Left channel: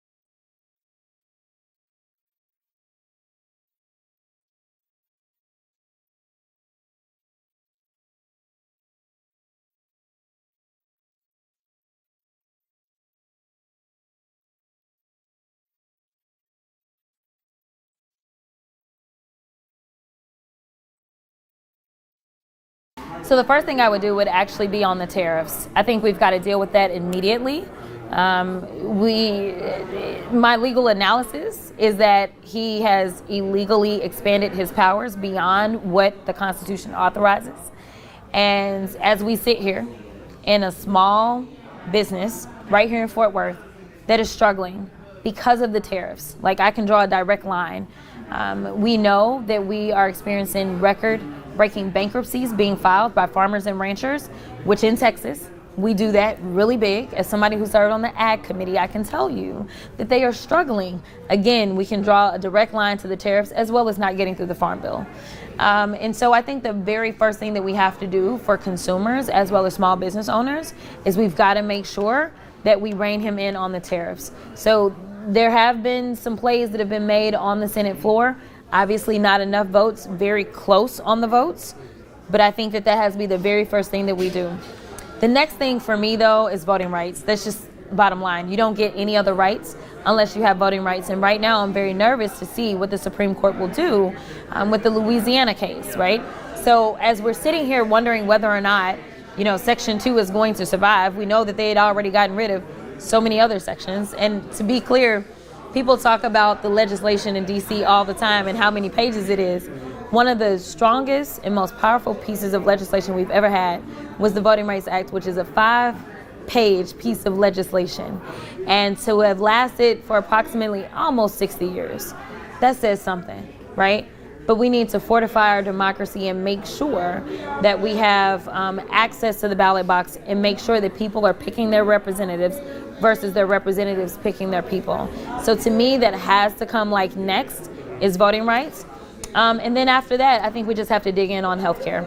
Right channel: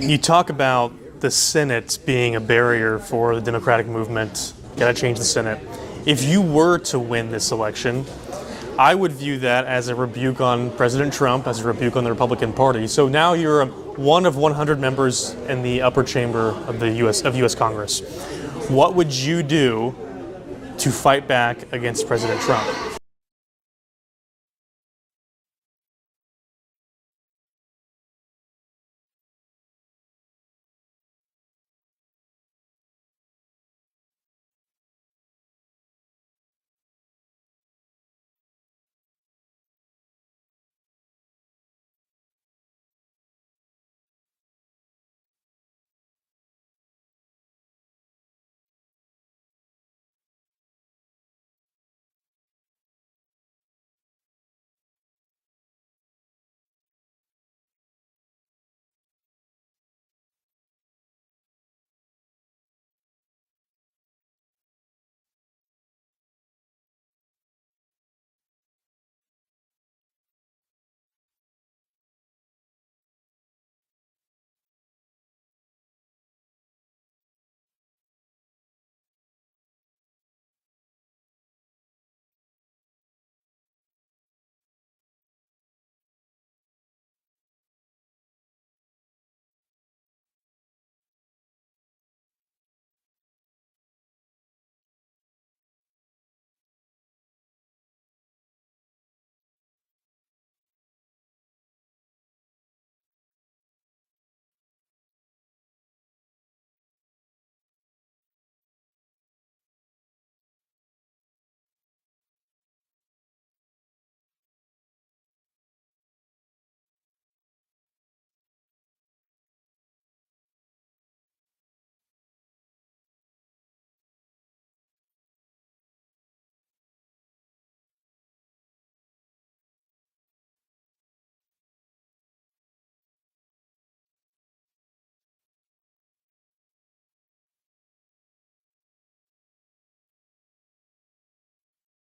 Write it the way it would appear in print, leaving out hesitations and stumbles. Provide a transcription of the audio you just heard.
You talk about the Senate being a barrier for the Democratic movement. Got to change the Senate. If you were to win this election, I would view that as a rebuke on President Trump, as a rebuke on the Republican Party. So now you're one of 100 members in the upper chamber of the U.S. Congress. What would you do to fight back against President Trump? So the first thing I would do would actually be on the tariffs. I think we've got to deal with that immediately. My legal analysis is that he has illegally expanded his powers beyond what the Constitution authorizes. And as we sit here in a small business right here in Fort Worth that is struggling because of the tariffs, like I can draw a direct line. We know that we are experiencing record-breaking bankruptcies being filed by farmers and ranchers, which in Texas, we do that really big. As somebody who served on the Ag Committee, I can tell you that they are struggling. Again, we can draw a direct line to the tariffs as well as not getting through the Farm Bill. And so I think the very first thing that we have to do for consumers as well as small business owners is we've got to make sure that we rein him in on the tariffs. So there have been some plays that have been made on the Senate floor. Obviously not enough votes, very close on the votes, but I think that has to be the very first thing that we do. The next thing for me, though, is voting rights. That's just bottom line. You don't get any other rights unless you have voting rights. And right now, I'm very nervous to see what the Supreme Court will do with the Louisiana case, right? So as we're sitting here wondering whether or not, Section 2 is going to survive, we know that they had already gotten rid of so many other sections. And to be clear, people talk about the legislation in D.C. all the time and how many pages it is. One of the strongest and most powerful pieces of legislation we've ever had was the Voting Rights Act, which is a 5-page piece of legislation. And to have lasted for approximately almost 60 years, that says something, right? But we need to fortify our democracy and make sure that we have access to the ballot box and make sure that people are picking their representatives versus their representatives picking their people. So to me, that has to come next is voting rights. And then after that, I think we just have to dig in on healthcare.